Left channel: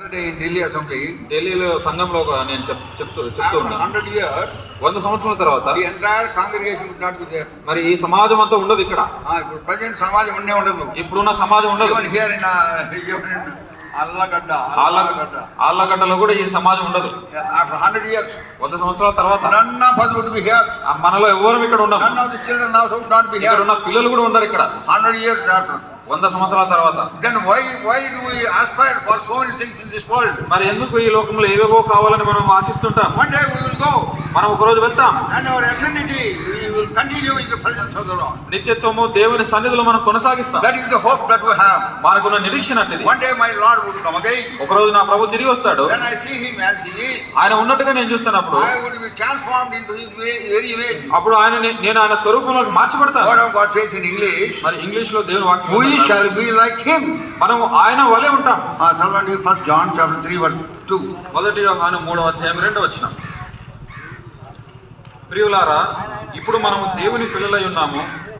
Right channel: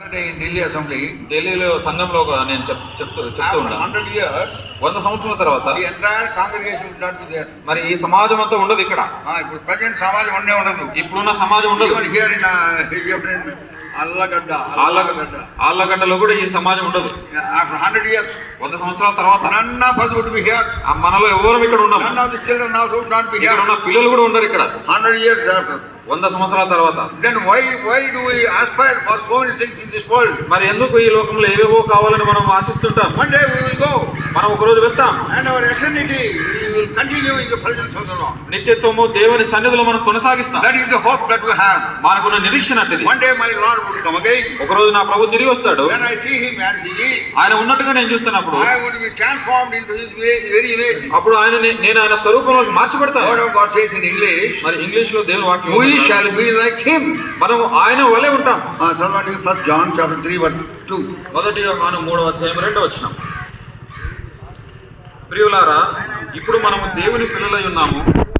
Delhi assembly ఢిల్లీలో సంఘంలో నేను చెప్తూ ఉన్నాను 100 years 100 సంవత్సరాల తర్వాత the entire congregation would not be there. మరి ఈ సమాజం అంతా ఉండదు ఇక్కడ. ఇప్పుడు ప్రజెంట్ సమాజం ఉండే ఉండదు. ఇప్పుడున్న సమాజం ఉండదు. Even here in ఆళ్ళగడ్డలో కూడా ఈ సమాజం ఉండదు. after 100 years 100 సంవత్సరాల తర్వాత none of us would be here. మనలో ఎవరు ఇక్కడ ఉన్నాం. None of the children also would not be here. ఇక్కడ ఉన్న పిల్లలు కూడా ఉండరు ఇక్కడ. 100 years after 100 సంవత్సరాల తర్వాత. then why do we aspire for so many things in this world? మరి ఎందుకు ఈ లోకంలో ఏవేవో కావాలని మనం ఆశిస్తుంటాం. one day we will go మనం ఒక రోజు వెళ్తాం. and our eternity we will continue in the presence of the Lord. నిత్యత్వము దేవుని సన్నిధిలో మనం కొనసాగిస్తాం. that is the hope that we have. మనకున్న నిరీక్షణ అంటే one day my Lord will come again. ఒక రోజు నా ప్రభు తిరిగి వస్తాడు. when I see him as he is, ఆయన ఉన్నట్టుగా నేను చూస్తున్నప్పుడు I would be transformed into his very image. అప్పుడు నేను ఆయన స్వరూపంలో మార్చబడతాను. What God says in English, మరి ఇంగ్లీష్ లో దేవుని వాక్యం we shall be like him. మనం ఆయన వలె ఉంటాం. చదవండి 1 John chapter 3 verse 2. మొదటి యోహాను 3వ అధ్యాయం 2వ వచనం. ప్రియులారా, ఇప్పుడు మనము దేవుని పిల్లలై ఉన్నాము,